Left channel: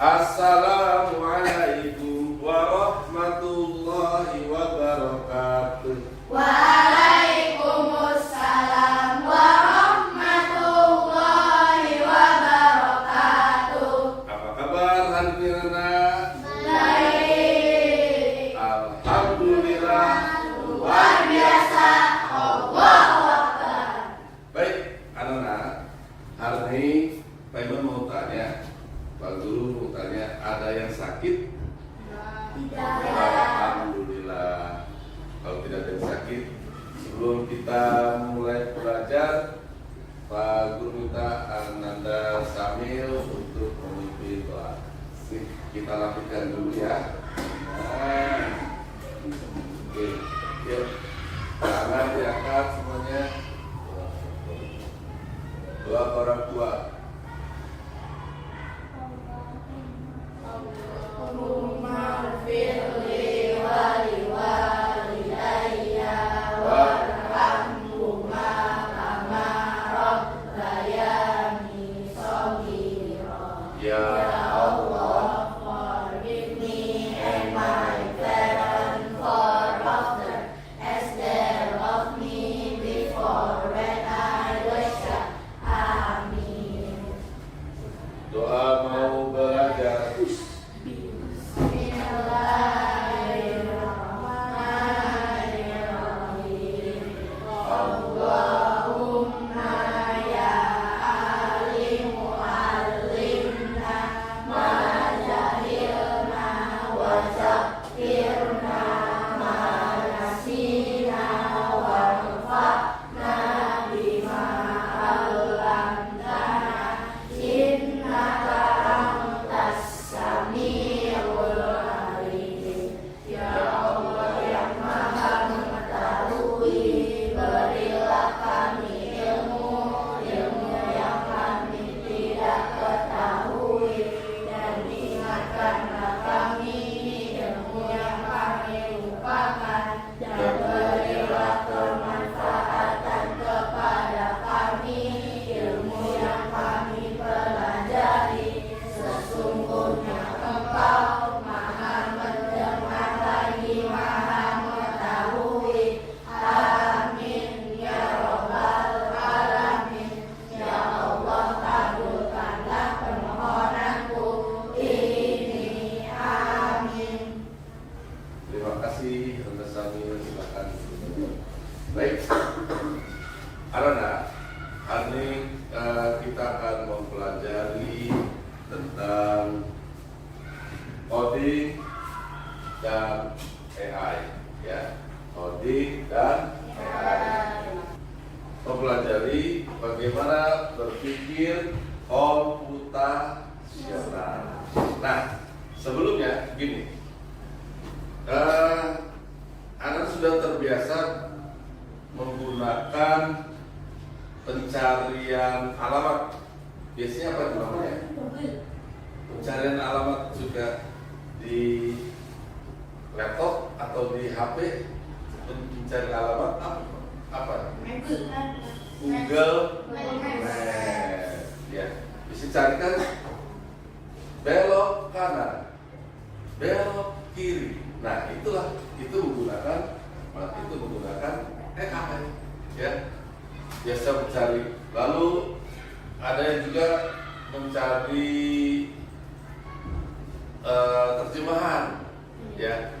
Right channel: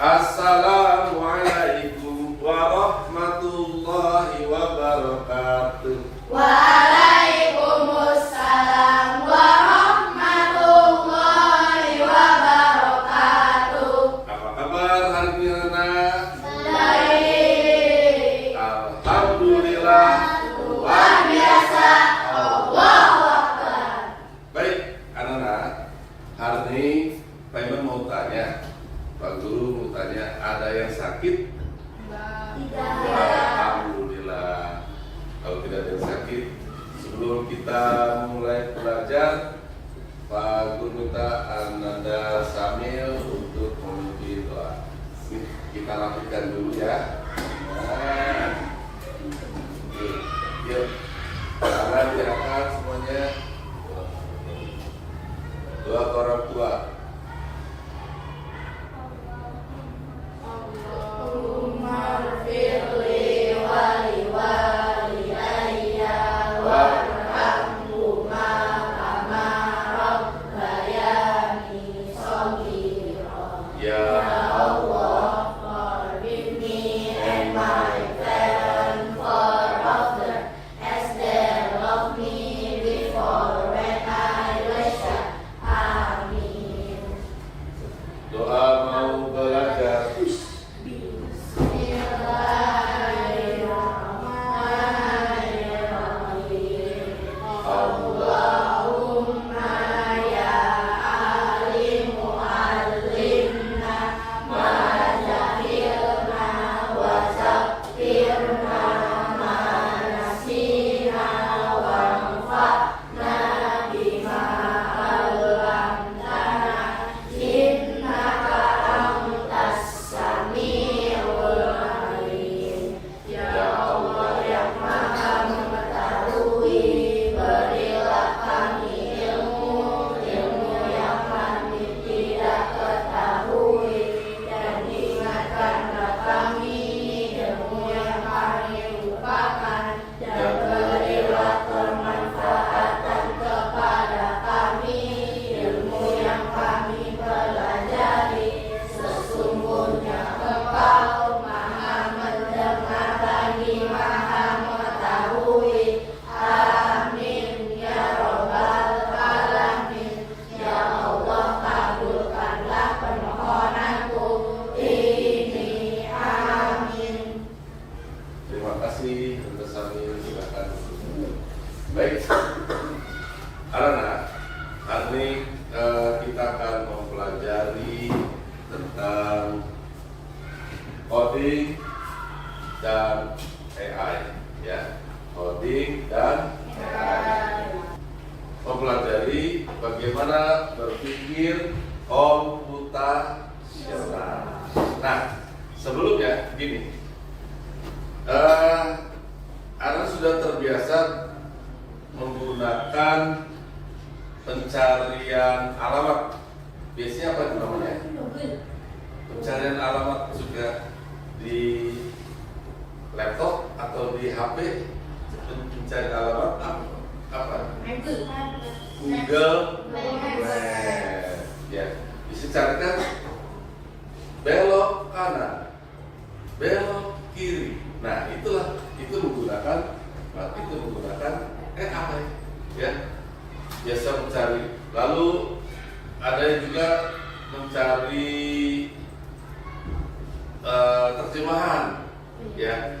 Assalamualaikum warahmatullahi wabarakatuh. Waalaikumsalam warahmatullahi wabarakatuh. Apa kabar hari ini anak? Baik. Alhamdulillah. Luar biasa. Allahu Akbar. Baik anak-anak, hari ini Pak Iman mau tanya, Pak Guru mau tanya, ada yang sakit? Tidak. Alhamdulillah. Kalau tidak ada yang sakit, sebelum kita mulai belajar, Pak Guru minta Ananda Samil untuk memimpin doa. Kita lakukan dulu ya. Nah, oke, ya. Tangan diangkat semuanya. Doa ke orang tua. Allahumma firli waliwalidayya warhamhuma kama rabbayani shaghira. Ya Allah, forgive me and my parents for often as they loved me before when I was young. Amin. Doa mau belajar. Bismillahirrahmanirrahim. Allahumma ya alimu allimna ma jahilna wa zakirna ma nasina wanfa'na bima 'allamtana innaka antas samiul alim. Ya Allah yang maha mengetahui, berilah kami ilmu yang kami tidak ketahui, dan ingatkanlah kami ilmu yang kami lupakan, dan berilah kemanfaatan kepada kami ilmu yang kami pelajari. Sesungguhnya Engkau maha mendengar lagi maha mengetahui. Amin ya Rabbal Alamin. Ya Allah, kabulkanlah permohonanku ini. Amin. Terima kasih Anda Samil, silakan. Baik, anak-anak, hari ini kita akan mempelajari tentang coding dan AI, ya, coding dan AI. Mempelajari bagaimana berpikir komputasional. Nah, sebelumnya gini, Anda sudah terbiasa menggunakan pencarian alamat. Biasanya apa namanya? Pencarian alamat juga di laptop atau di HP. Pencari alamat apa? Google Maps. Ya, bisa carikan belok kanan, belok kiri. Nah, itu menggunakan AI, ya. Biasa mencari. Lalu ada yang juga mencari terjemahan, ya,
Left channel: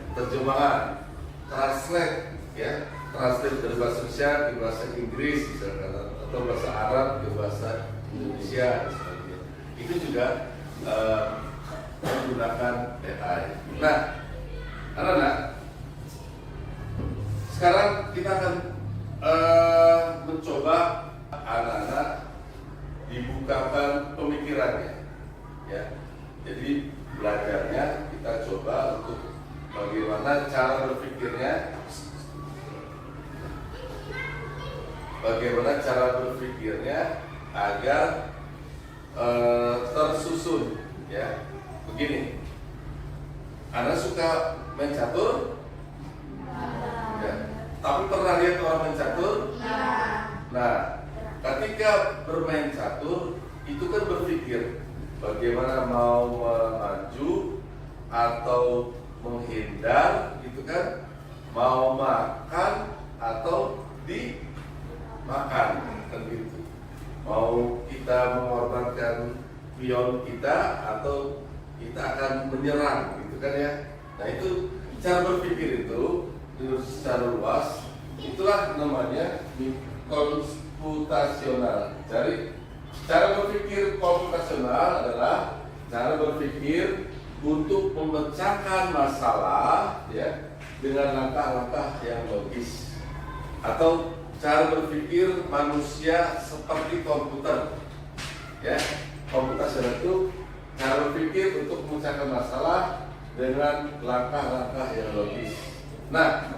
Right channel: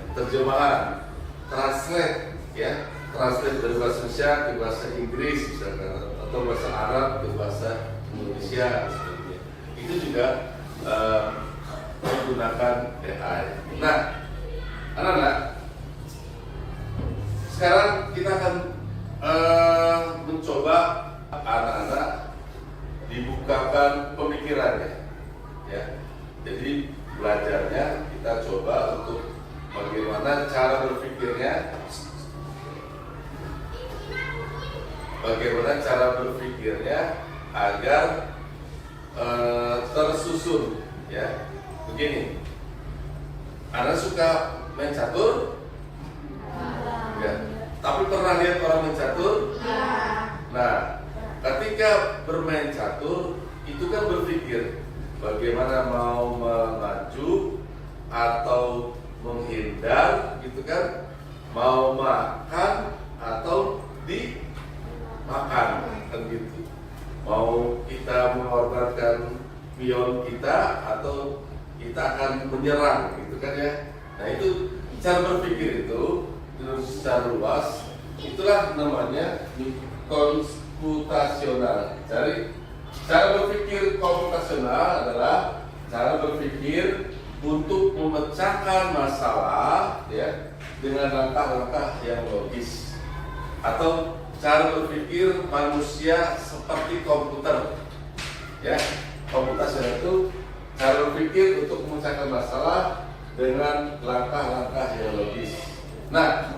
translate, ya, translate dari bahasa Indonesia ke bahasa Inggris, misalkan, atau bahasa Arab ke bahasa Indonesia, sebagainya. Itu juga menggunakan AI. Nah, anak-anak, sekarang kita akan mencoba anak-anak dibukakan pemikirannya, ya. Jadi belajarnya kita coba untuk bagaimana cara berpikirnya agar tersusun, ya. Begini, Anda suka main catur? Ya. Tapi pernah lihat orang main catur? Ya. Nah, ketika bermain catur itu kan berpikir bagaimana mau maju atau menghindar gitu kan, mau makan atau dimakan kan gitu, mau kita mengorbankan pion kita atau kita akan menyerang gitu kan ya. Nah itu cara berpikir itu secara luas, itulah namanya komputasional. Jadi cara berpikir komputasional adalah cara berpikir untuk memecahkan masalah ya dengan langkah-langkah yang logis, atau cara berpikir manusia seperti komputer ya. Komputasional itu cara berpikir untuk memecahkan masalah dengan langkah-langkah yang logis. Nah,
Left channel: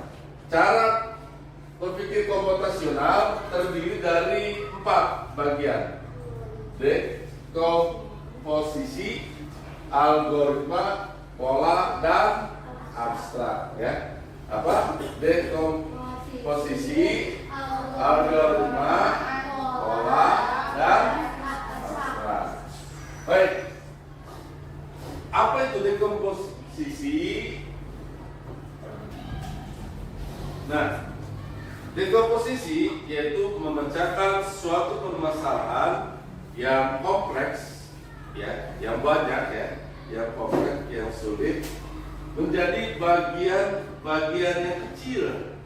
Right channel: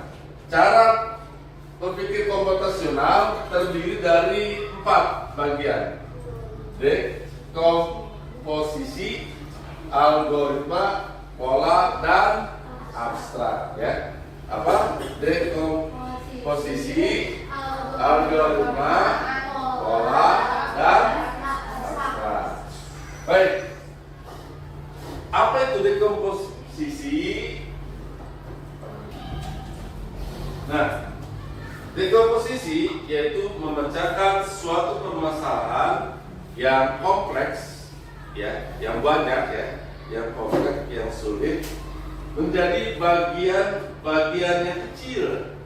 cara berpikir komputasional terdiri dari 4 bagian. Dekomposisi, algoritma, pola, dan abstrak ya. Apa? Dekomposisi, algoritma, pola, dan abstrak. Baik. Apa itu dekomposisi? Nah, dekomposisi yaitu memecahkan suatu permasalahan yang kompleks ya, yang banyak ya, yang kompleks, yang sulit menjadi bagian-bagian yang kecil.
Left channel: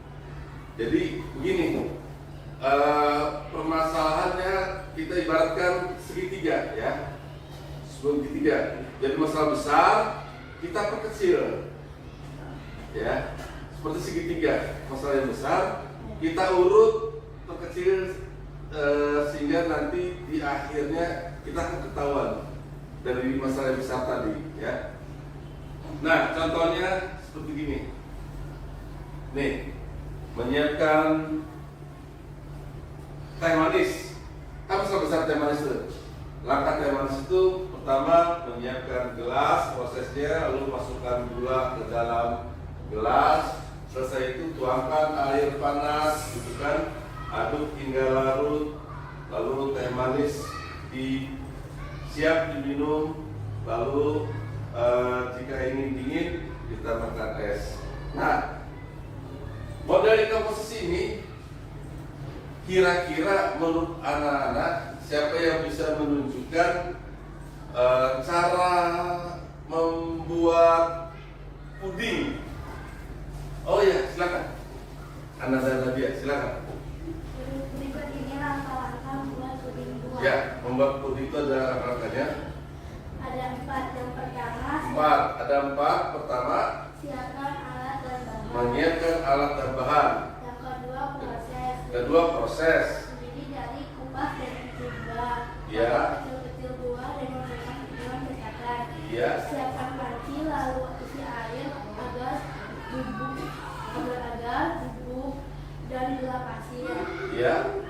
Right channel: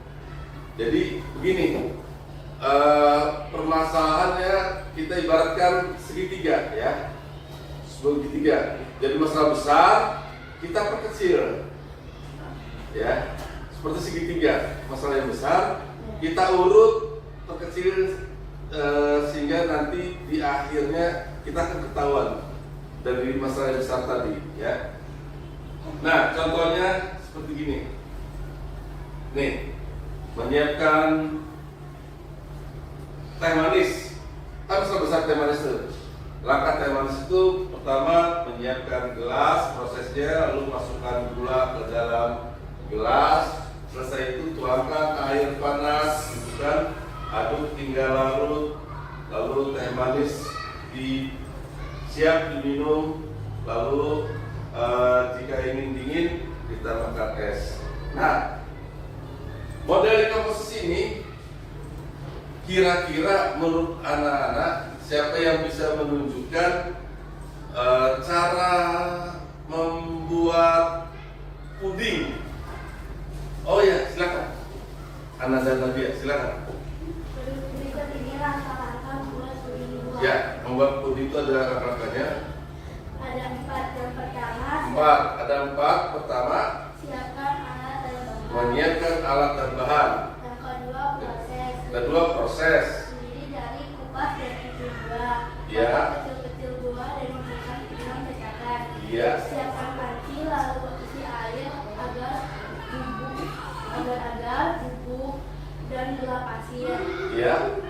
Jadi begini, permasalahannya kita ibaratkan segitiga ya, segitiga. Jadi masalah besar kita perkecil ya, seperti segitiga. Masalah yang besar kita urut perkecil sehingga nanti di akhirnya kita akan ketahuan dari masalah yang besar tadi ya. Nah contohnya seperti gini nih, menyiapkan teh manis. Apa masalah besar teh manis itu? Langkah teh manis itu pertama menyiapkan gelas, prosesnya lalu masukkan gula ke dalam gelas. Selesai itu tuangkan air panas, gitu kan, aduk hingga larut, lalu teh manis siap diminum, lalu jika ingin dingin ditambahkan es. Nah, model dekomposisi ini kira-kira menurut anak-anak siapa yang bisa menunjukkan cara membuat puding? Oh ya, silakan. Ana Zainabia, silakan. Berikut ini langkah-langkah membuat puding buah. Ya, membuat puding itu ada langkah-langkahnya. Ada 4. Yang pertama, 4. Ada 4. Pertama, siapkan alat dan bahan. menyiapkan alat dan bahan. Yang kedua, proses. Kedua, proses. Terdiri dari kupas dan kecil buah. Ya. Kecil-kecil buah dan masukkan ke dalam cetakan. Ya. Siapkan panci lalu isi air agar bubuk dan gula pasir. Ya.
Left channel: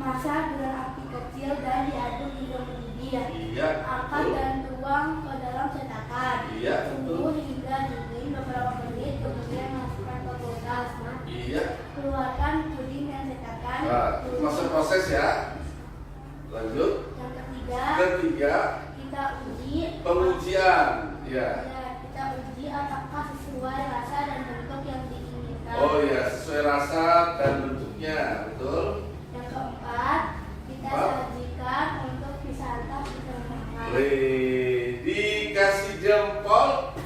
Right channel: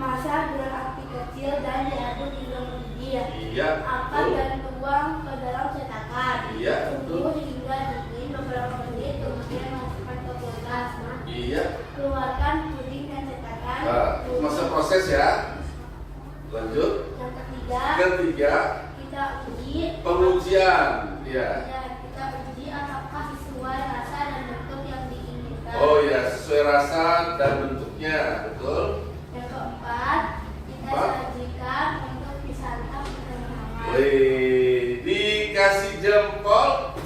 Masak dengan api kecil dan diaduk hingga mendidih. Iya. Angkat Betul. dan tuang ke dalam cetakan. Iya, Tunggu betul. hingga dingin beberapa menit, kemudian masukkan ke kulkas. Iya. Keluarkan puding dan cetakan. Nah, masa proses ya. Lanjut. Yang ketiga, kita uji. Pengujian. Ya. Ya, kita uji apakah sesuai rasa dan bentuk yang diinginkan. Oh ya, sesuai rasa dan bentuknya, betul. Yang keempat, kita Empat. sajikan untuk disantap bersama. Dikasih jempol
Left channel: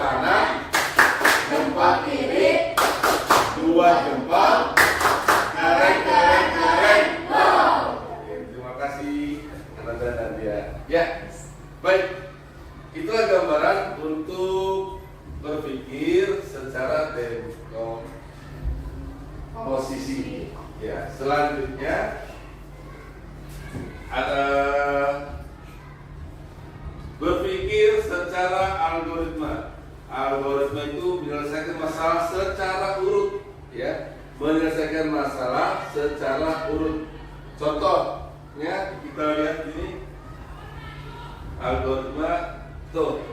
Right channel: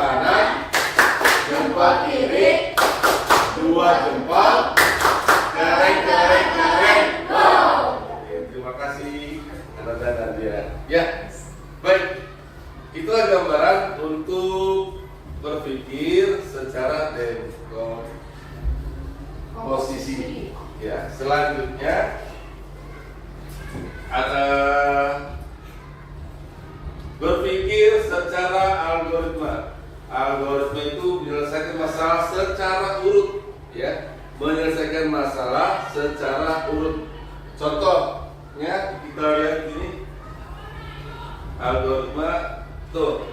kanan, jempol kiri, 2 jempol, keren. Terima kasih Ananda dan dia. Ya, baik. Itulah gambaran untuk berpikir secara dekomposisi. Ya, selanjutnya ada berpikir secara algoritma. Algoritma itu menyelesaikan masalah secara urut, ya, menyelesaikan masalah secara urut. Contohnya kita lihat ini algoritma tuh.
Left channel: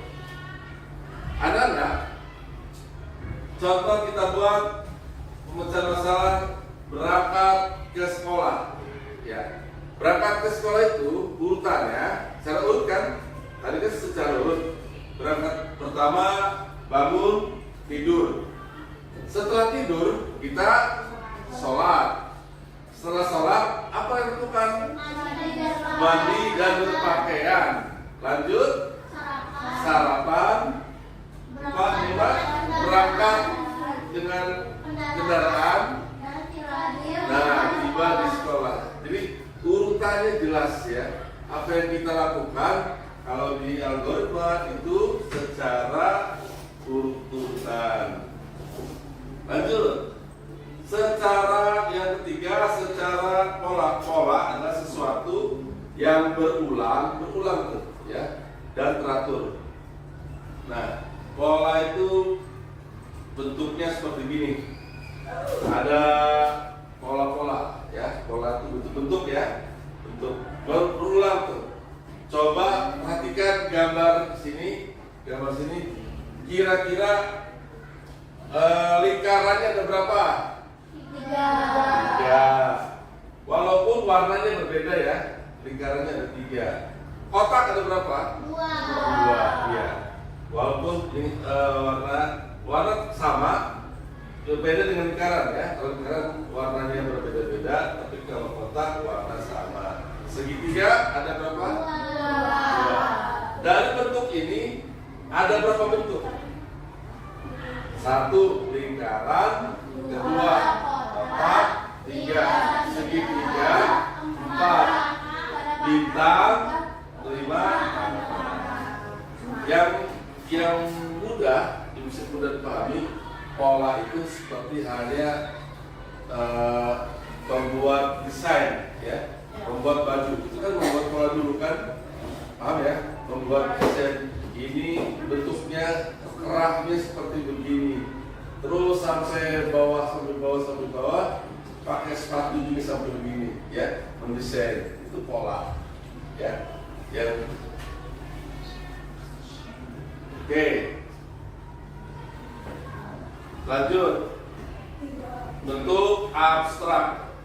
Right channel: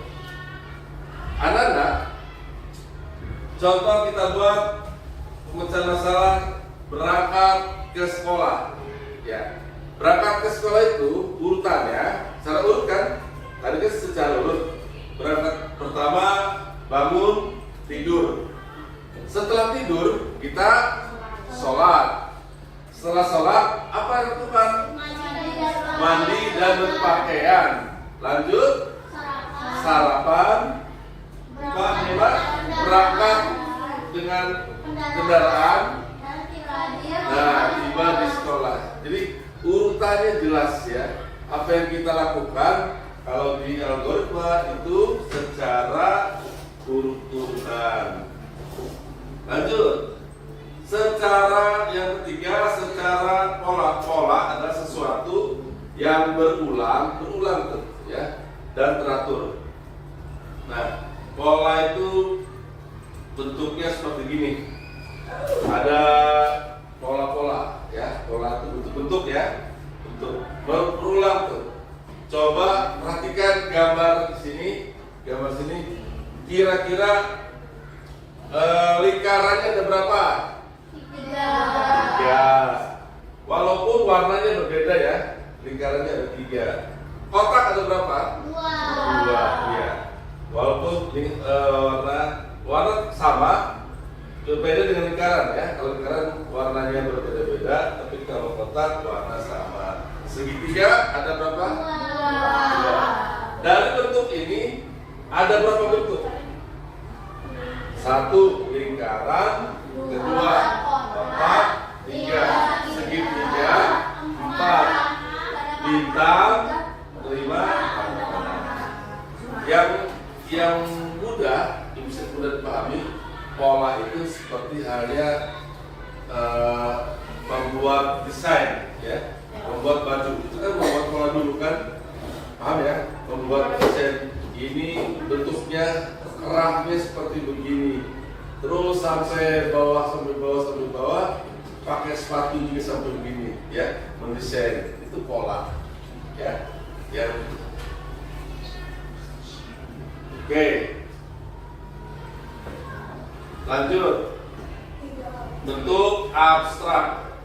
Anak-anak, contoh kita buat pemecahan masalah berangkat ke sekolah, ya. Berangkat ke sekolah itu urutannya secara urut kan? Tadi kan secara urut. Berangkat pertama bangun, tidur. Setelah tidur kita sholat. Setelah sholat apa yang dilakukan? Mandi dan berpakaian. Lanjut sarapan. Berangkat dengan kendaraan. Nah, tiba di sekolah. Jadi urutannya jelas ya. Apa yang kita lakukan kalau di algoritma itu secara urutan. Lanjut. Secara yang ketiga, secara pola adalah sesuatu yang berulang tuh ya, dan teratur. Nah, pola itu bentuknya seperti gini. Ada pola-pola ya, pola itu bentuk ya, bentuk berulang tuh. Coba perhatikan gambar sini, kira-kira lingkarannya ada berapa? 3. Walaupun warnanya berbeda ya, lingkarannya ada 3. Kotak ada berapa? 2. Ya. Walaupun ini warna sama, berbeda dengan lingkaran ya. Kalau lingkaran warnanya berbeda-beda, tapi kalau kotak warna sama. Segitiga ada berapa? 2. Dari bentuk ini ada berapa bentuk? 1 lingkaran, 2 kotak, 3 segitiga, 4 bintang, 5 yang mudah bisa mudah dipahami. Pola itu seperti halnya membuat desain ya, membuat baju itu kan membuat pola dulu kan, paham ya? Membuat desain ini bentuknya kerahnya seperti begini, terus sampai bawah pakai sepatu juga sampai begini ya, mendesain itu pola ya. Yang oke, lanjut. Bentuk abstrak,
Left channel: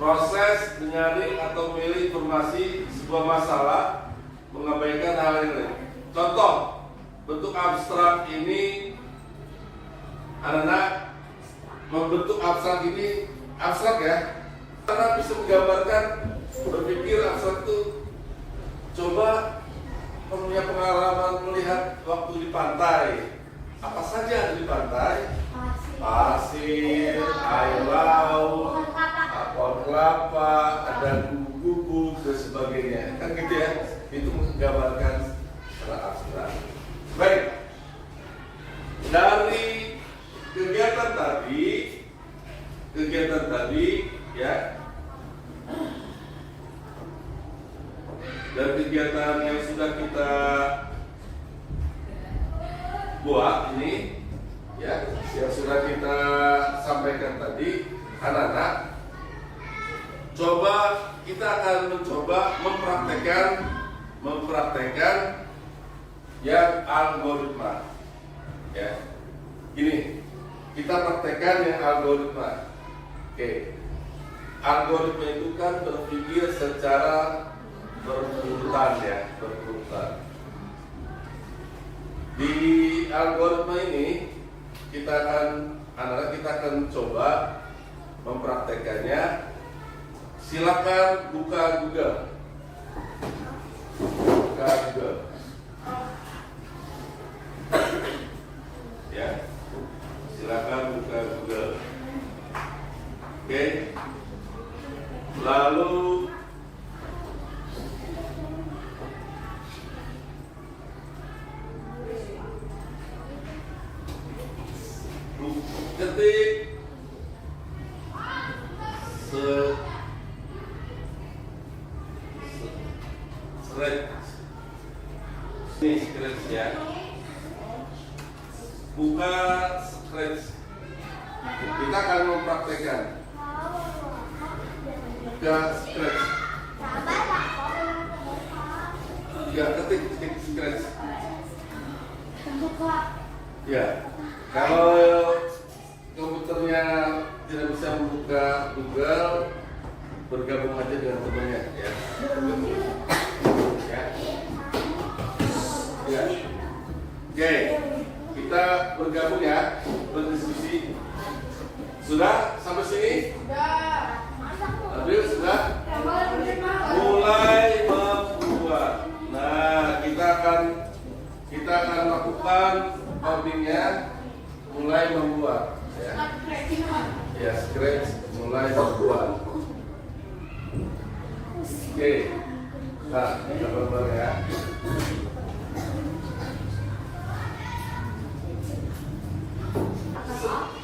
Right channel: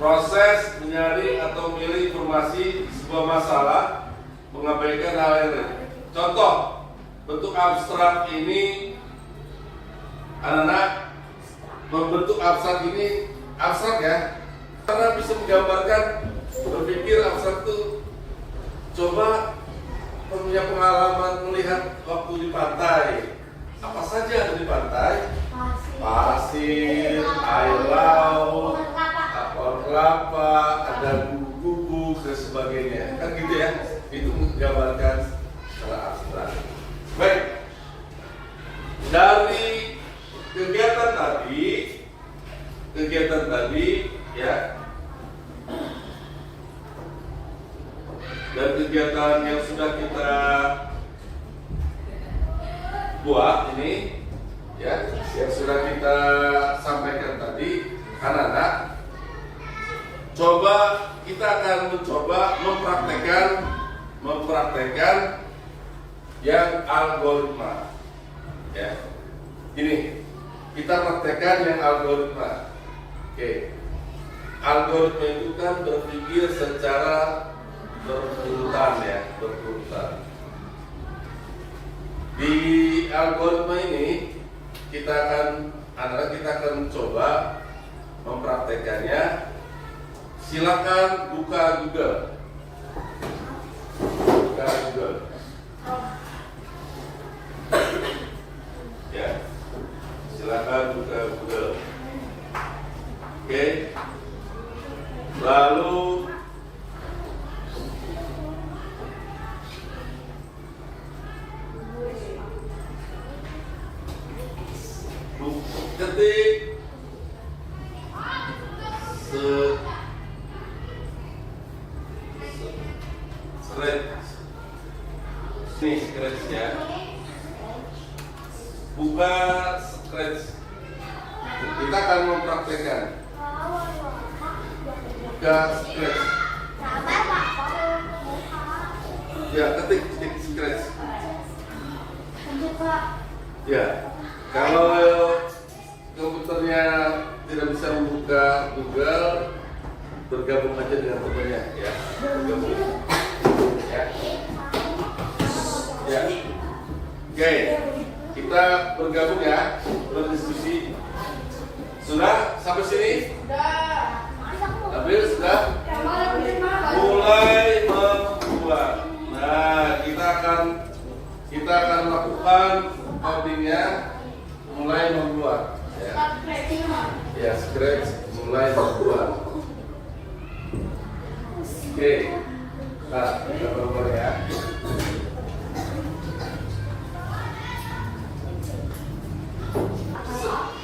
proses mencari atau memilih informasi di sebuah masalah, mengabaikan hal yang lain. Contoh bentuk abstrak ini, anak-anak membentuk abstrak ini abstrak ya, karena bisa menggambarkan, berpikir abstrak itu. Coba punya pengalaman melihat waktu di pantai, apa saja ada di pantai? Pasir, air laut, pohon kelapa, ada kubu-kubu dan sebagainya, kan gitu ya. Itu menggambarkan secara abstrak. Baik, dari kegiatan tadi ya, dan kegiatan yang sudah kita buat ini ya, yang sudah kita sampaikan tadi, anak-anak, coba kita akan mencoba mempraktekkan yang algoritma ya. Ini kita praktekkan yang algoritma. Oke. Algoritma itu kan berpikir secara berurutan ya, berurutan. Di algoritma ini kita akan coba mempraktekannya. Silakan buka Google. Ya, silakan buka Google. Oke. Lalu ketik scratch ya, buka scratch. Kita akan mempraktekkan buka scratch ya, ketik scratch ya. Kalau komputernya tidak bisa membuka Google, bergabung aja dengan temannya ya. Bergabung. Ya. Ya. Oke, kita bergabung ya, berdiskusi. Sudah sampai sini? Abil sudah? Mulai membuat. Nah, kita akan lakukan codingnya mulai membuat. Ya, scratch mulai membuat. Oke, nah kita berbuat ya.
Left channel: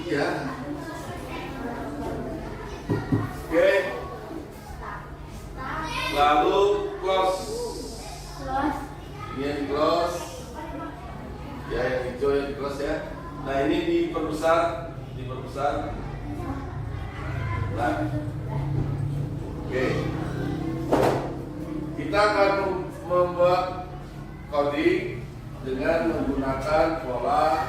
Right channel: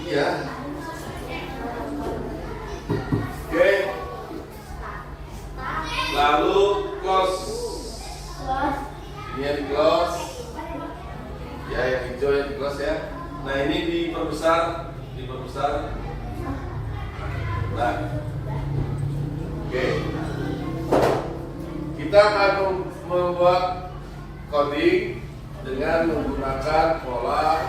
Iya. Oke. Lalu close. Ini yang di close. Ya, yang hijau yang di close ya. Nah, ini diperbesar. Nah. Oke. Kita akan membuat coding dengan menggunakan pola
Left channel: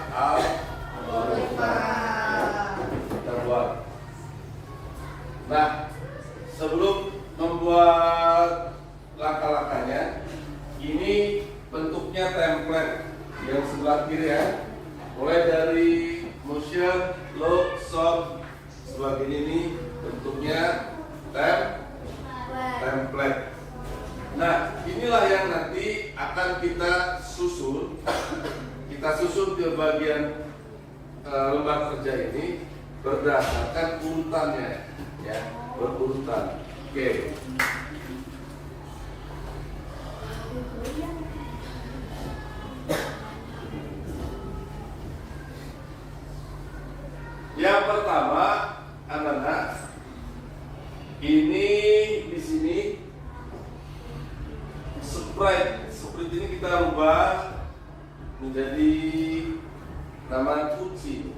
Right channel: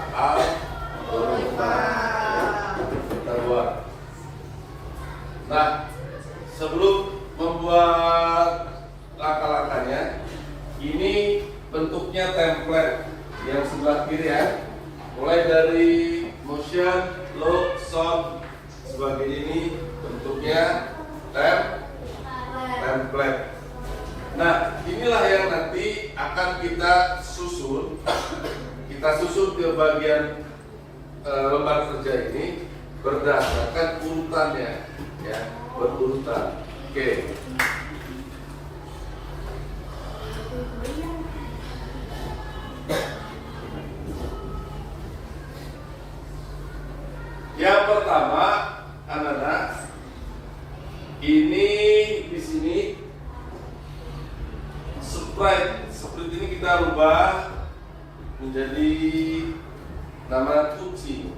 kita buat. Nah, sebelum membuat langkah-langkahnya, ini bentuknya template yang sebelah kiri ya. Mulai dari motion, load, sound, sebagainya ini bentuknya template. Nah, inilah yang nanti akan kita susun. Kita susun ke bagian lembar kerja ini berdasarkan urutannya, ya, berurutan. Oke. Yang pertama, anak-anak, ini di sini sprite ini kita rubah menjadi nama kunci.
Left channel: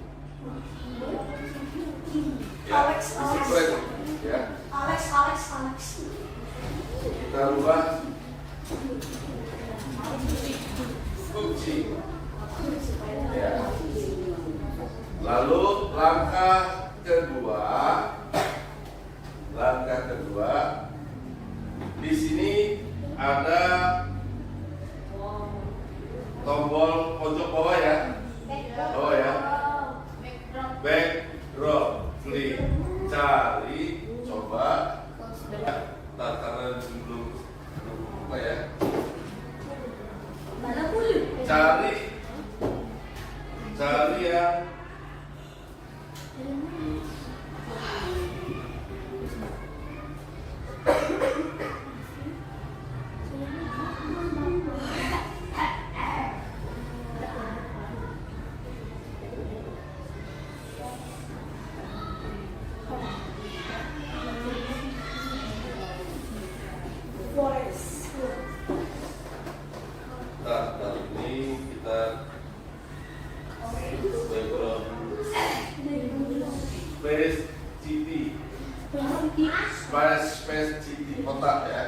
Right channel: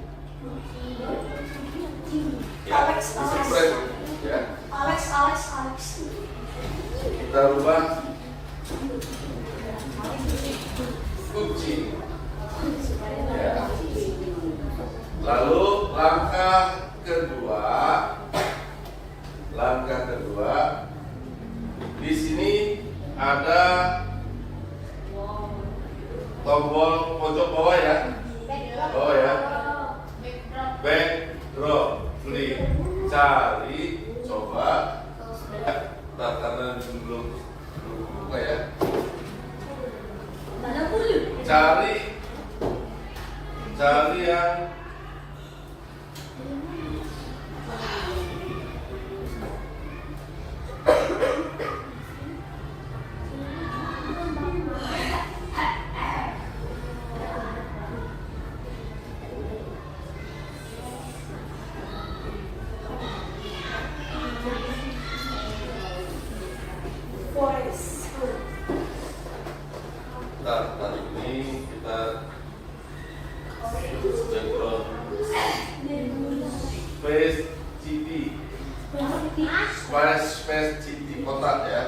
Ya, sprite ya. Alex. Kita rubah kunci. Ya. Lalu langkah kedua, di sini ada tombol pojok bawah ya. Backdrop, klik, cari, coba. Karena belum buka ya. Cari yang tadi ini kita background space city kotak ya.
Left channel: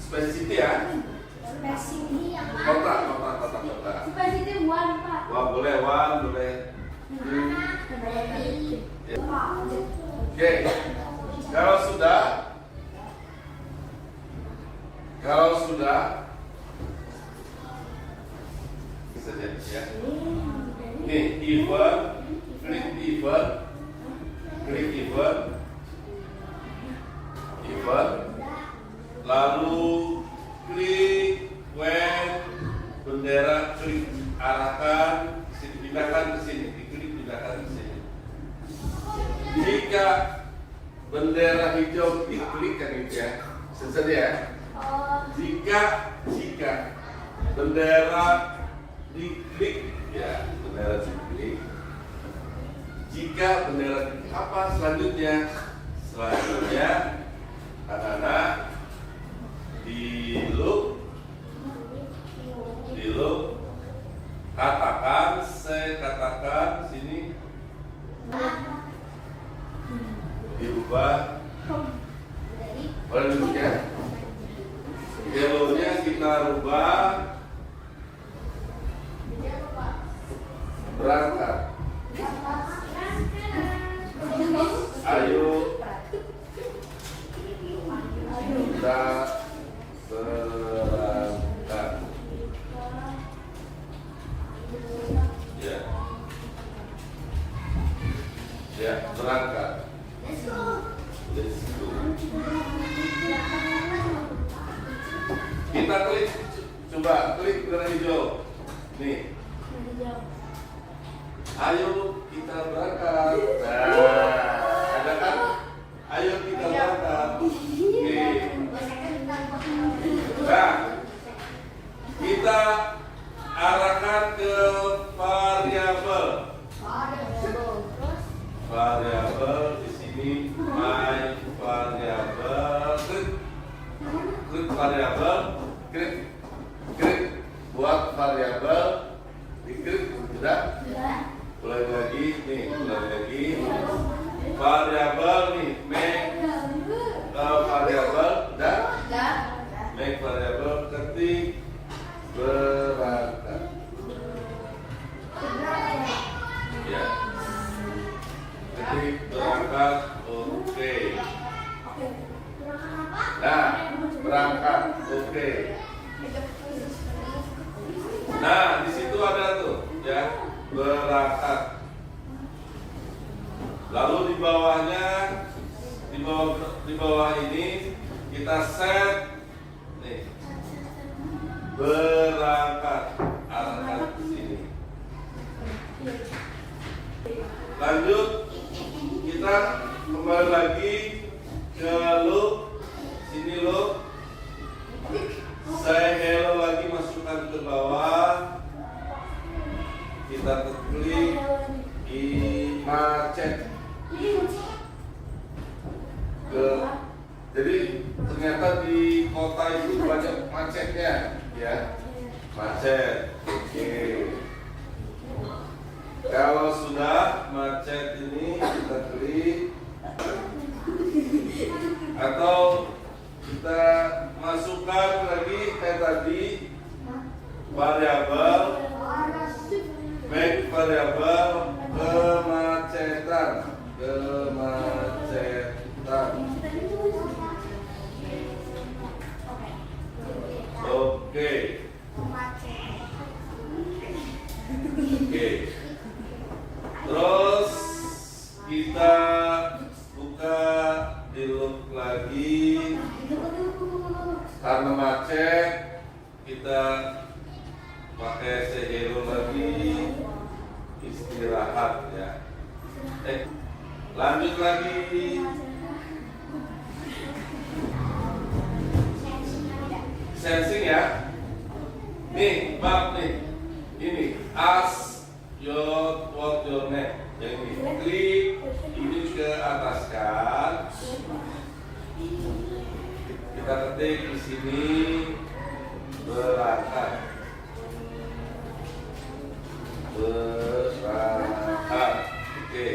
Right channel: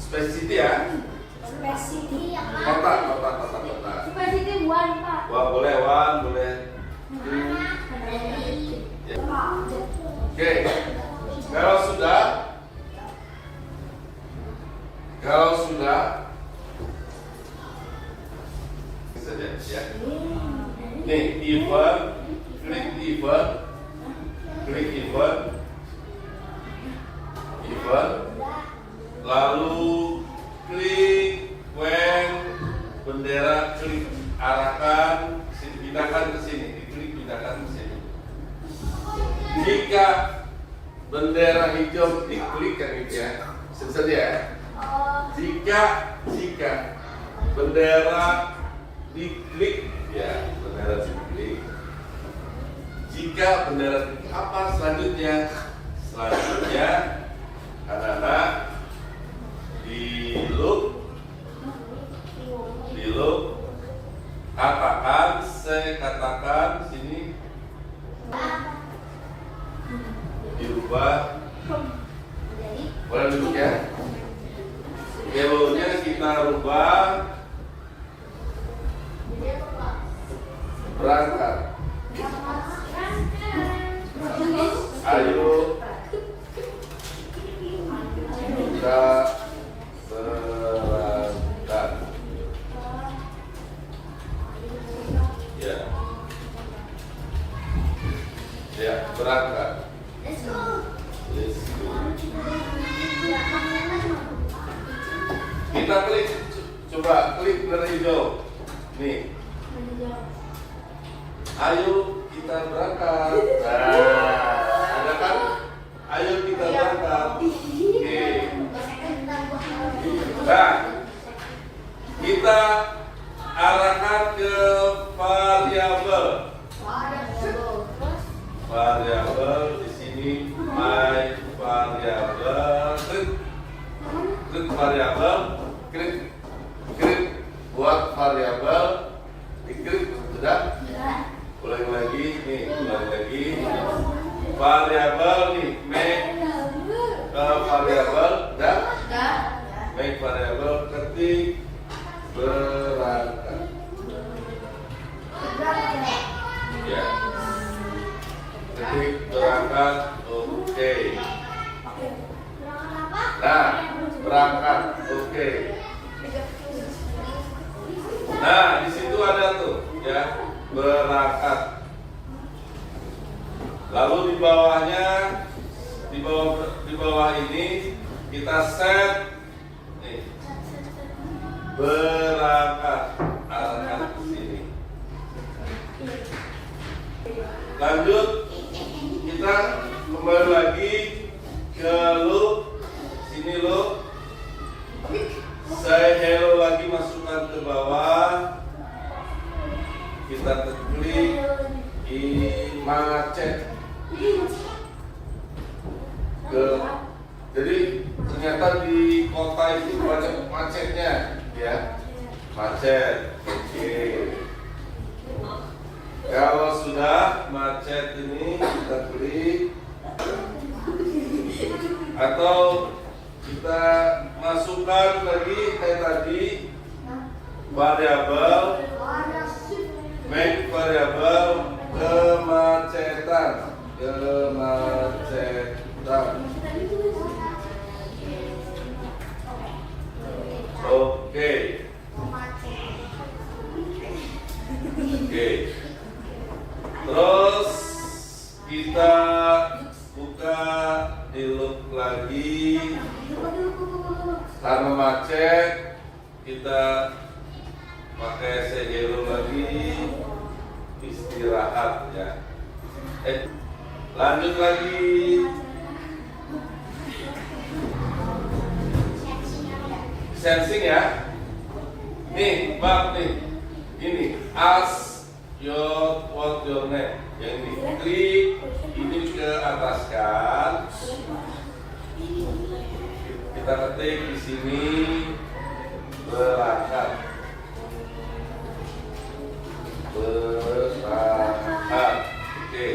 Space city ya. Kotak. Wah, boleh. Oke. Kalau sudah saja ya. Nih, klik event, lalu klik when bendera, klik arahkan, pindahkan ke sini, pindahkan ke sini. Jika bendera hijau diklik kan itu ya, selesai ya. Jika bendera diklik ya, jika bendera diklik apa selanjutnya? Anak-anak di loop katakan sini dirubah. Boleh duduk ya. Hello-nya kita rubah berangkat. Ayo Ya, berangkat. Let's go. Let's go. Kita klik, coba klik warna hijau. Nih, ayo kita berangkat. Nah, ada kan? Ayo kita berangkat. Oke. Nah, kita arahkan ke variabel. Variabel di sini my variabel. Klik variabel, klik buat variabel, klik sudah. Ulangi lagi, nih ulangi lagi. Variabel nih make variabel dan make variabel ketik berangkat. Ya. Ketik berangkat, oke. Nah, berangkat, oke. Nah, di situ ada tuh, ya, berangkat. Lalu di bawahnya, di bawah ini kita set, nih, berangkat, arahkan ke sini. Lanjut, kita kembali lagi ke loop, sini loop. Saya hello lagi, masukkan ke bawah. Kita klik macet. Jadi ternyata di kota itu banyak macetnya, ya. Macet. Oke. Kalau sudah macet ini kita klik, atau kita masukkan lagi kayak tadi variabel, make variabel kemacetan. Oke. Terus kita buka di loop lagi. Karena macet, kita pakai sejero lagi, istirahat ya. Lanjut lagi. Sensing ya. Nih, bab nih. Ini ask what your name. Yang ini klik ini ke atas kan. Kita ketik di sini berangkat. Oke.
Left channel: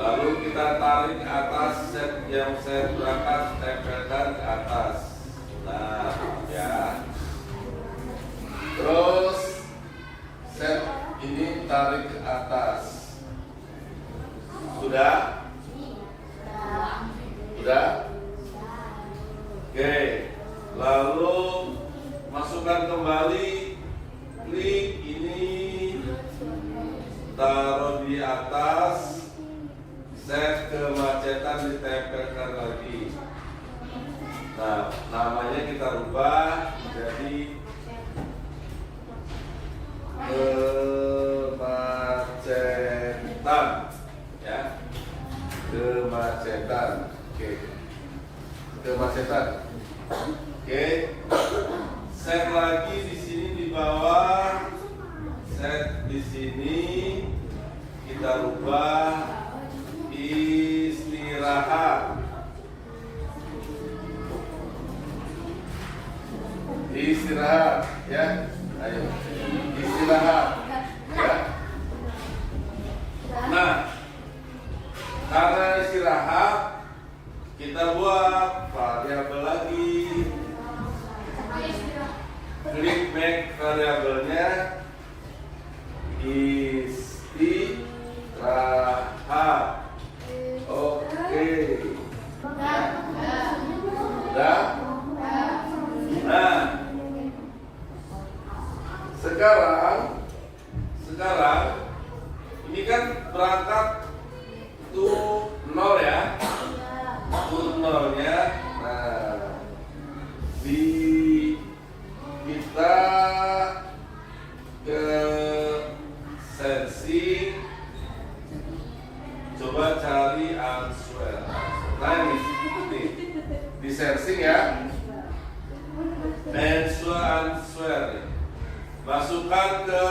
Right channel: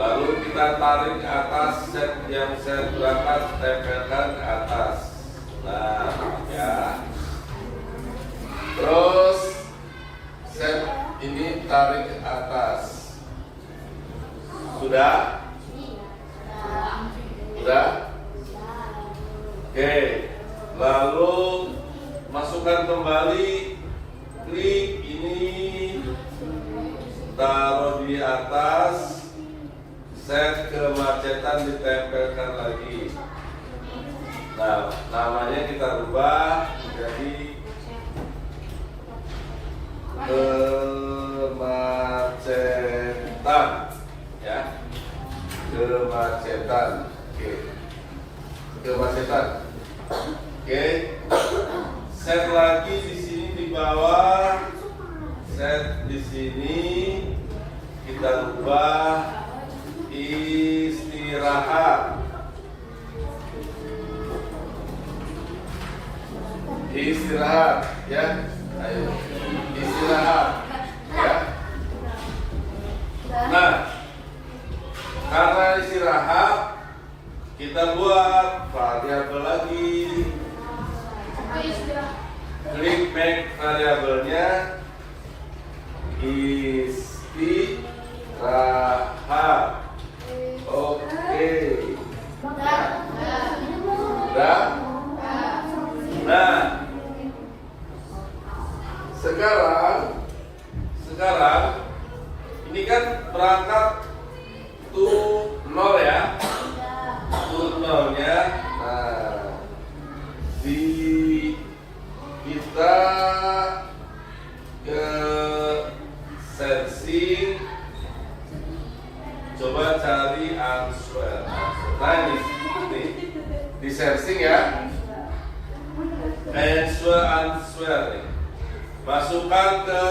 Lalu kita tarik ke atas, set yang set berangkat, tempelkan ke atas. Nah, ya. Terus set ini tarik ke atas. Sudah? Sudah? Oke. Lalu masukkan kembali, klik ini, taruh di atas, set kemacetan, ditempelkan lagi. Nah, namanya kita rubah menjadi kemacetan, ya, kemacetan. Oke, kemacetan. Oke, set lagi di sini di bawah, set di sini kita rubah istirahat. Istirahat, ya. Ayo, istirahat, ya. Nah, karena istirahat, kita buat variabel lagi. Klik make variabelnya istirahat. Oke. Udah? Nah, sekarang ini kan berangkat to 0 ya. Ya. To 0-nya. Nah, di kita ke sensing, coba cari answer. Nah ini di sensing ya, answer nih. Masukkan ke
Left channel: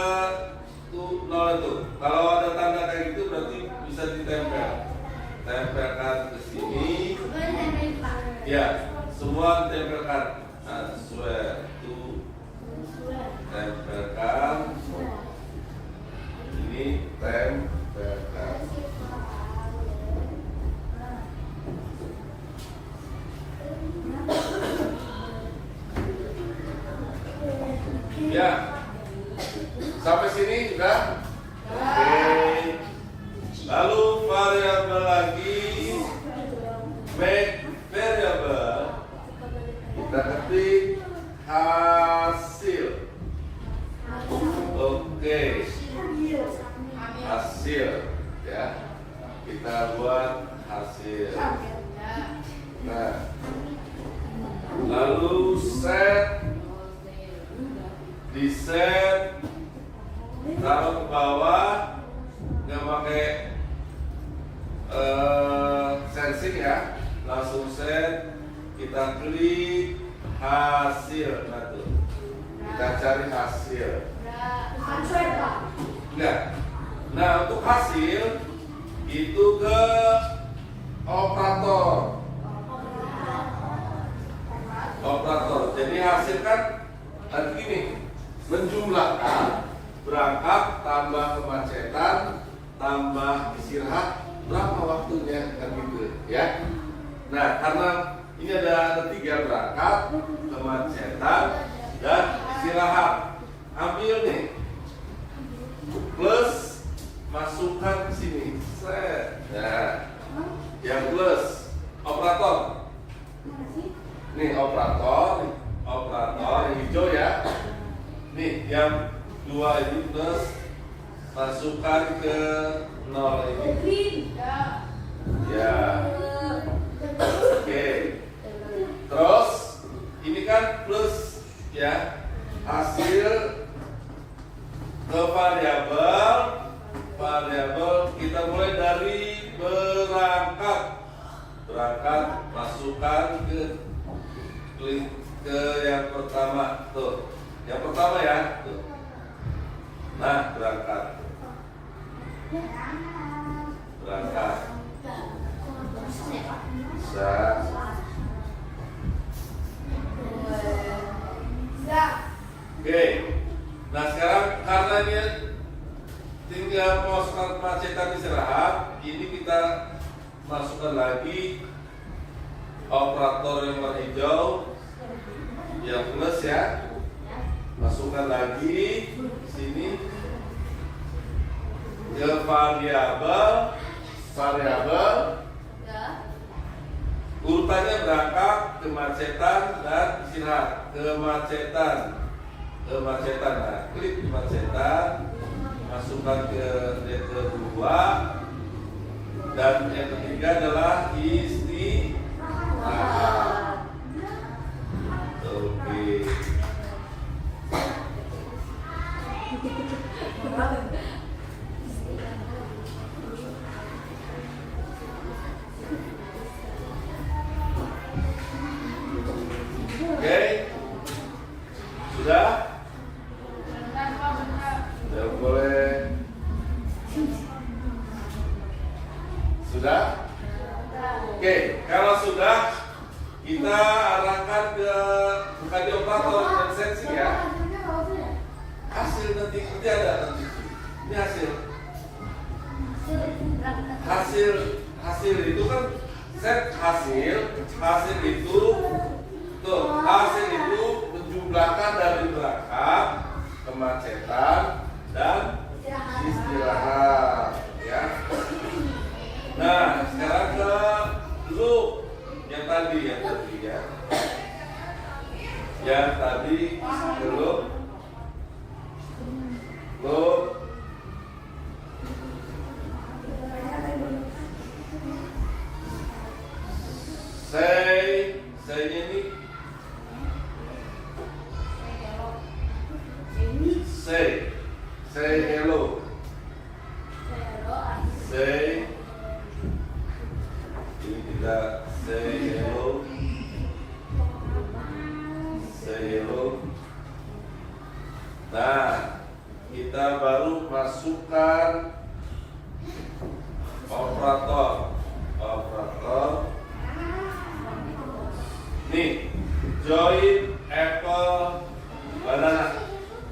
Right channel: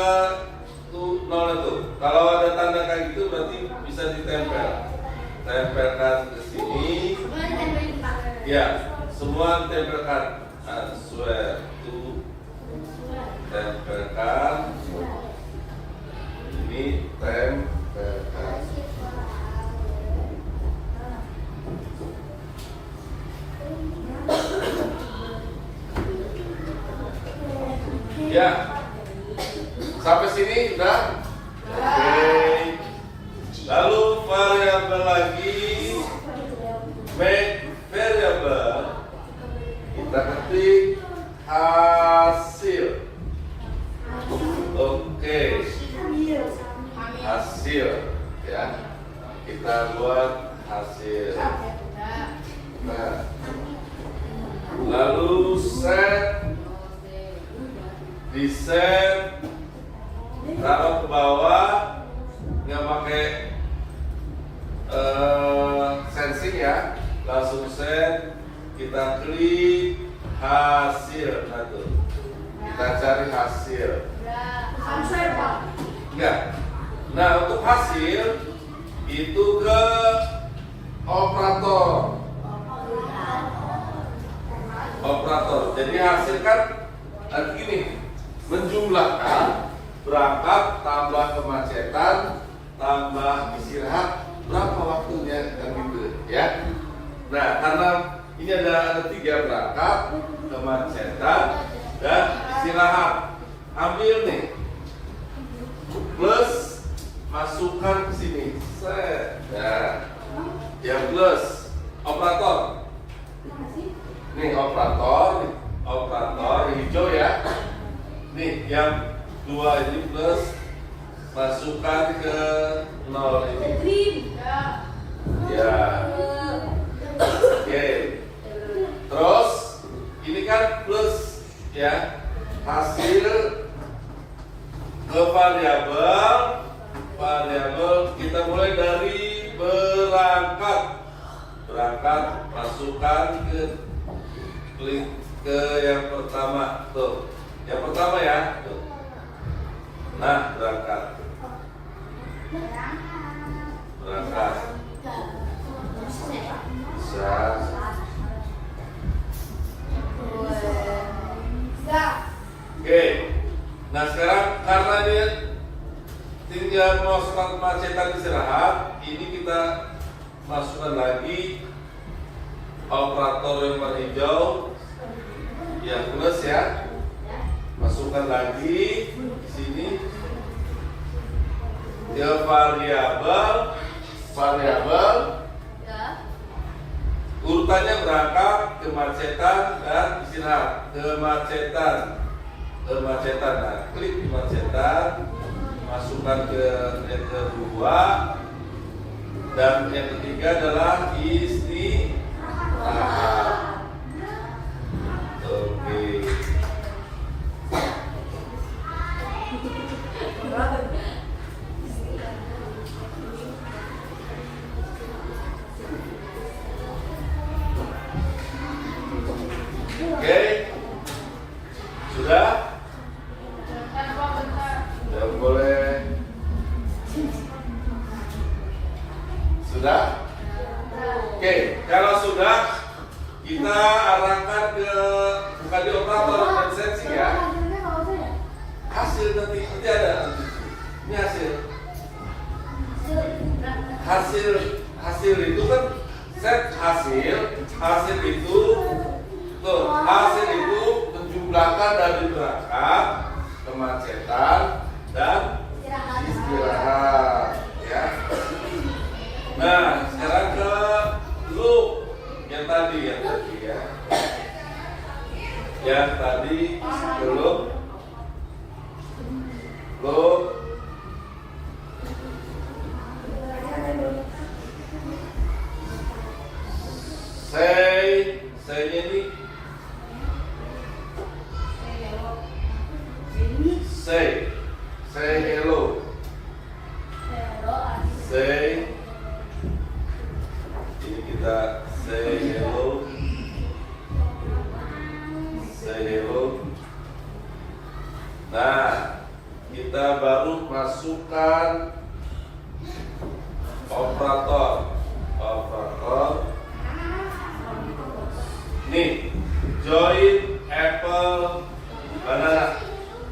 0 itu. Kalau ada tanda kayak gitu berarti bisa ditempel. Tempelkan ke sini. Ya, semua tempelkan. Answer to, tempelkan. Ini tempelkan. Ya, sampai sini sudah. Oke. Lalu variabel lagi, make variable. Kita ketik hasil. Oke, hasil ya. Kita buat hasil. Nah, lalu set, di set, taruh ke bawah, nggak pakai sensing ya, langsung set, kita klik hasil, nah tuh, kita cari hasil. Enggak. Nah untuk hasil itu ke operator. Jadi hasil kan gini, menjumlahkan berangkat tambah kemacetan tambah istirahat berapa waktunya kan gitu ya. Nah karena ini ada 3 berangkat, kemacetan dan istirahat, ambil nih plus, masukkan ke sini set ya, yang plus operator. Nih operator hijau ya. Nih yang 2 ini plus, masukkan ke 0 ini. Ya. Oke. Terus ini kan plus ya. Hasil ke variabel kita mulai dari berangkat masukkan ke klik ke yang pertama tuh. Yang pertama ya. Tuh. Nah, berangkat. Bisa. Oke. Nah, sekarang karena dia tinggal masukkan kemacetan istirahat, ini kita masukkan lagi operator yang warna hijau, yang plus ya. Masukkan lagi sini ke variabel urutannya berangkat, kemacetan dan istirahat. Kemacetan. Nah, klik kemacetan, masukkan ke yang kedua, dan yang ketiga adalah istirahat. Oke. Oke, sudah? Sudah boleh? Sudah? Oke, kalau sudah, kita arahkan ke bukan di operator dan sensing ya. Hasil nanti ada. Ini hasil itu kan set hasil itu tuh, hasil itu menjumlahkan dari berangkat, kemacetan dan istirahat ya. Nah sekarang ke loop yang tadi ya, yang tadi ke loop. Say hello. Say. Ini kita say hello. Say hello. Nah, kita baru masukkan operator. Nih, join apple banana,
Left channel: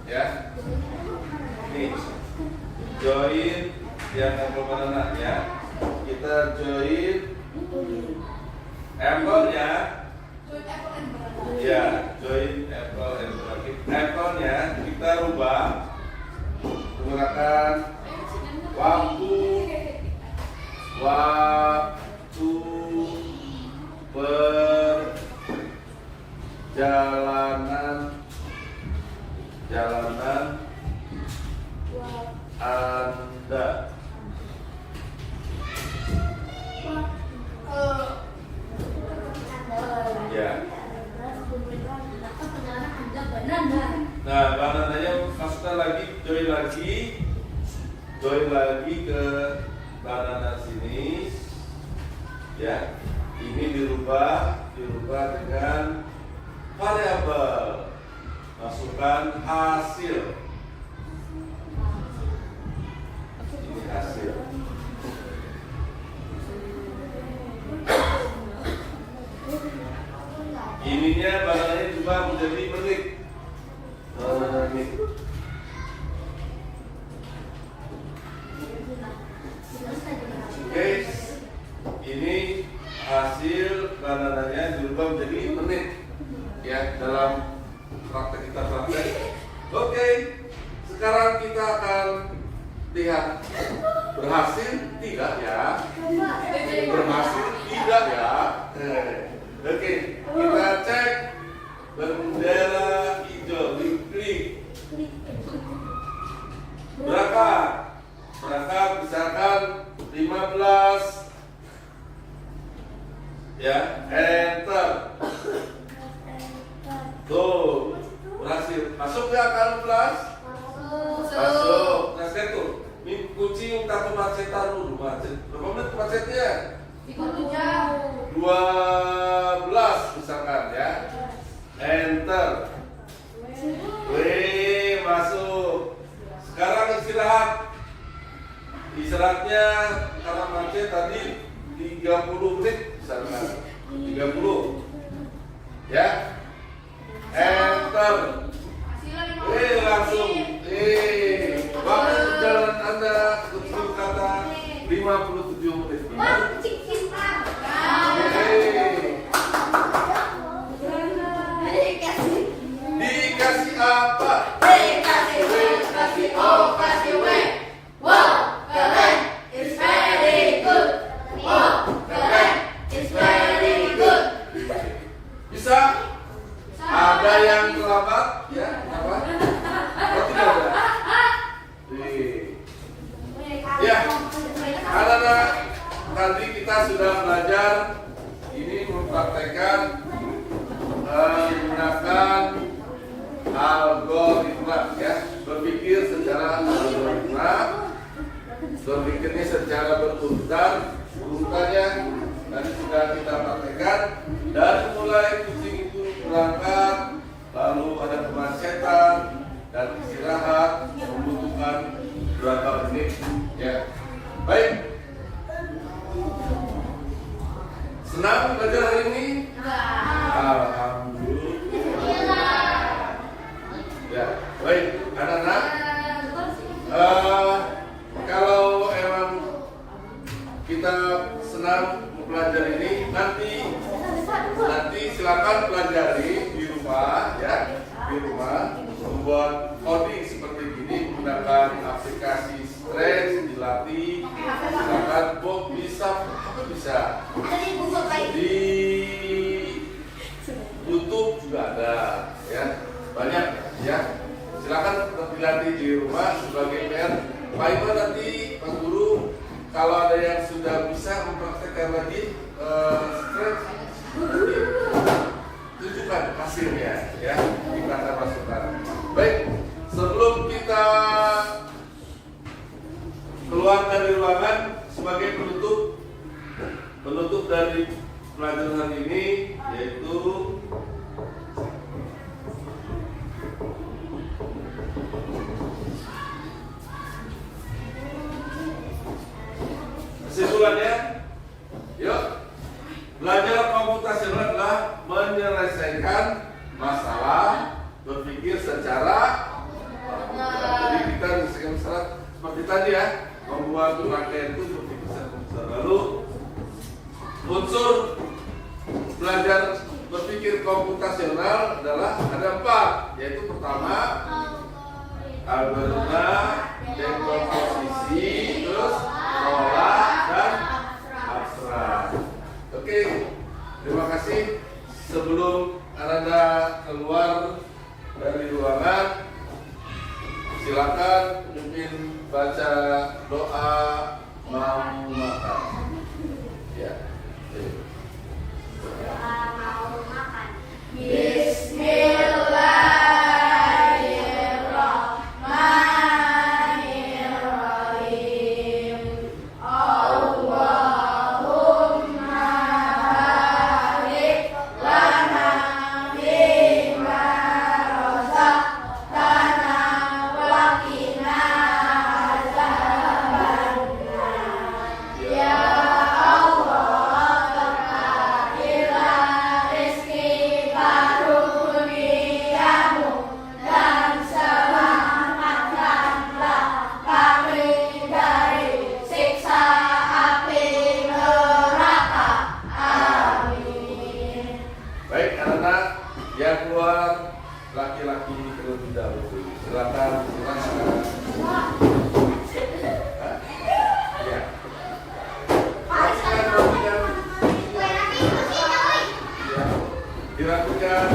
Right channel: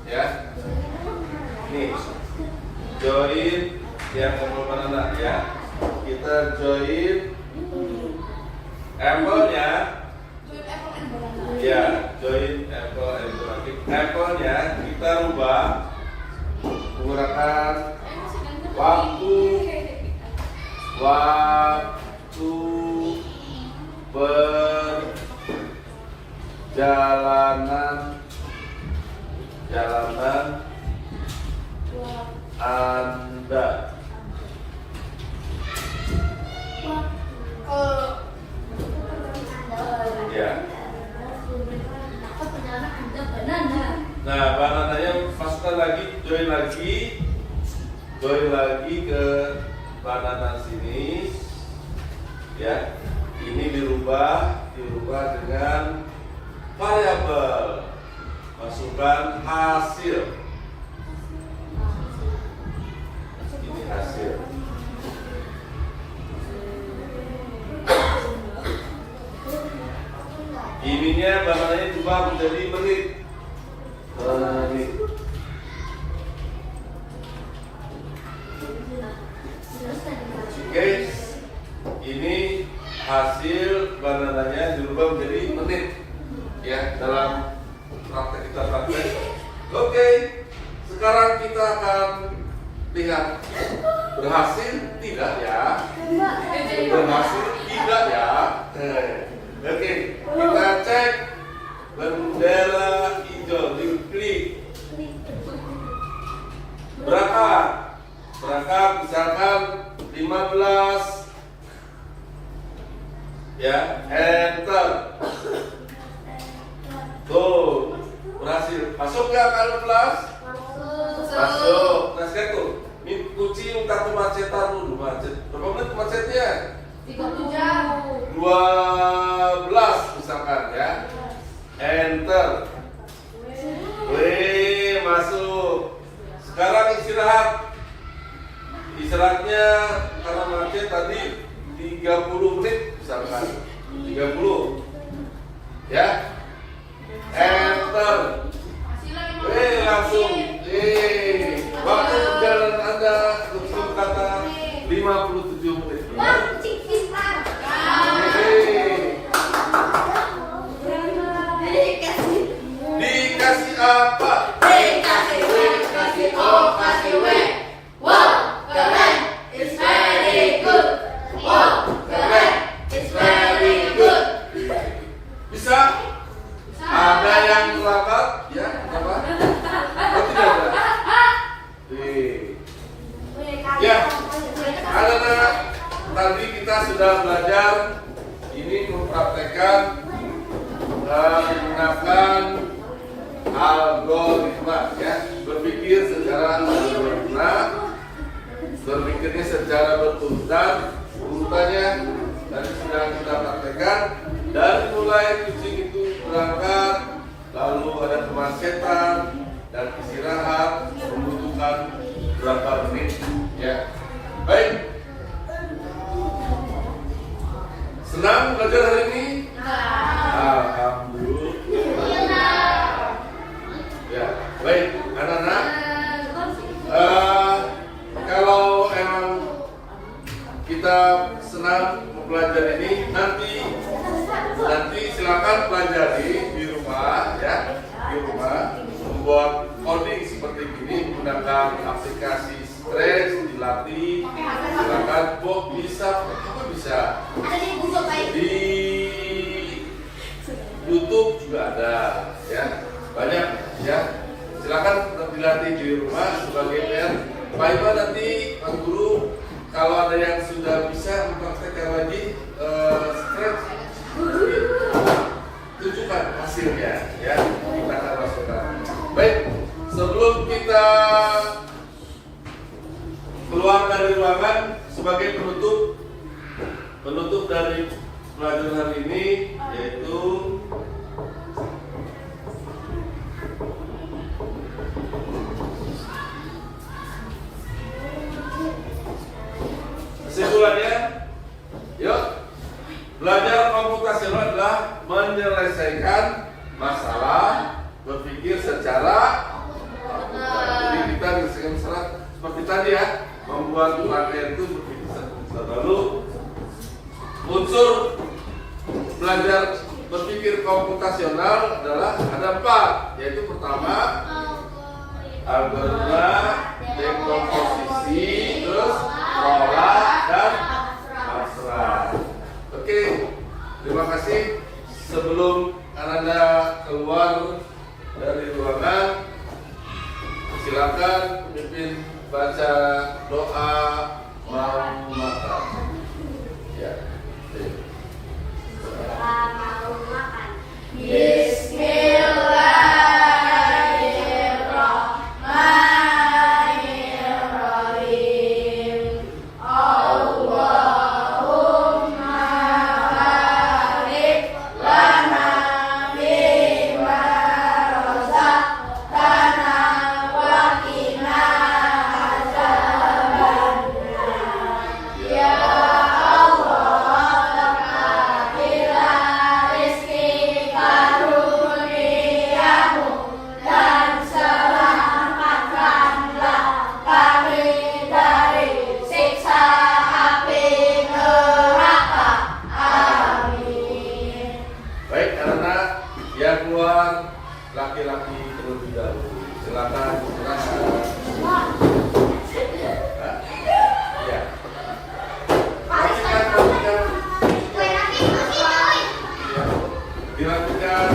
ya. Nih, join yang apple banana, ya. Kita join apple ya. Ya, join apple and banana. Apple-nya kita rubah menggunakan waktu perjalanan Anda. Ya. Nah, banananya masukkan lagi, join lagi ke banana sini. Ya. Ini dirubah dengan variabel. Masukkan hasil. Ini hasil. Ininya banananya coba menjadi menit. Oke, ini hasil banananya dirubah menjadi menit, ya, dalam praktek kita praktek. Oke, sekarang kita akan lihat berhasil tidak ya? Berhasil tidak ya? Oke, kita cek bendera hijau, diklik. Berangkat misalkan 15, ya, enter. Tuh, berhasil. Masuk nggak kalkulus? Masuk. Nah sekarang tuh, kunci minta kemacetan dulu, macet. Berapa menit macetnya? 12 misalkan ya. Enter. Wih, masuk. Sekarang istirahat. Istirahatnya karena macet tadi 30 menit misalkan. 30. Ya. Enter. Langsung. Waktu perjalanan Anda untuk kata 57 menit. Dikasih apa? Dikasih O, kasih W. Wow, keren, it's very good. Wow, keren, it's very good. Bisa? Ada yang lambat? Ya, apa? Oh, tidak ada. Ya, anak-anak, tadi kita sudah belajar ini mempraktekkan menggunakan algoritma, ya, berpikir secara algoritma, berpikirnya secara berurutan. Urutannya tadi sudah kita praktekkan dari mulai kucing itu berangkat, lalu ada kemacetan dan istirahat membutuhkan berapa menit, ya. Baik, senang belajar hari ini? Alhamdulillah. Ya, baik, anak-anak. Kalau emang kita senang mempelajari ini, nanti silakan pelajari di rumah, ya, di rumah membuat coding seperti ini menggunakan aplikasi Stretch, dilatih. Silakan, bisa di YouTube juga ada, ya, banyak, ya. Silakan dilatih di rumah sebagai PR. Pak Iman nanti Pak Guru kalau ada yang sudah bisa mempraktekkan lagi Stretch, tunjukkan hasilnya, ya, kita akan masukkan. Baik, sebelum kita pelajaran hari ini yaitu kesimpulannya, yuk, belajar komputasional adalah menyelesaikan masalah berpikir secara jadi kita menyelesaikan masalah seperti tadi ya, membuat rangkaian itu berpikir secara lalu unsur belajar berpikir komputasional adalah ada 4, yaitu pertama algoritma, dekomposisi, terus pola dan abstrak. Oke, terima kasih. Sebelum Anda keluar dari ruangan, silakan pimpin baca doa mau makan. Ya. Bismillahirrahmanirrahim. Allahumma barik lana bima razaqtana wa qina azabannar. Ya Allah, berkatilah rezeki karunia-Mu dan selamatkanlah kami dari siksa api neraka. Amin. Baik, anak-anak yang keluar laki-laki terlebih dahulu. Silakan silakan. Hah? Ya. Rapikan. Ya. Dilakukan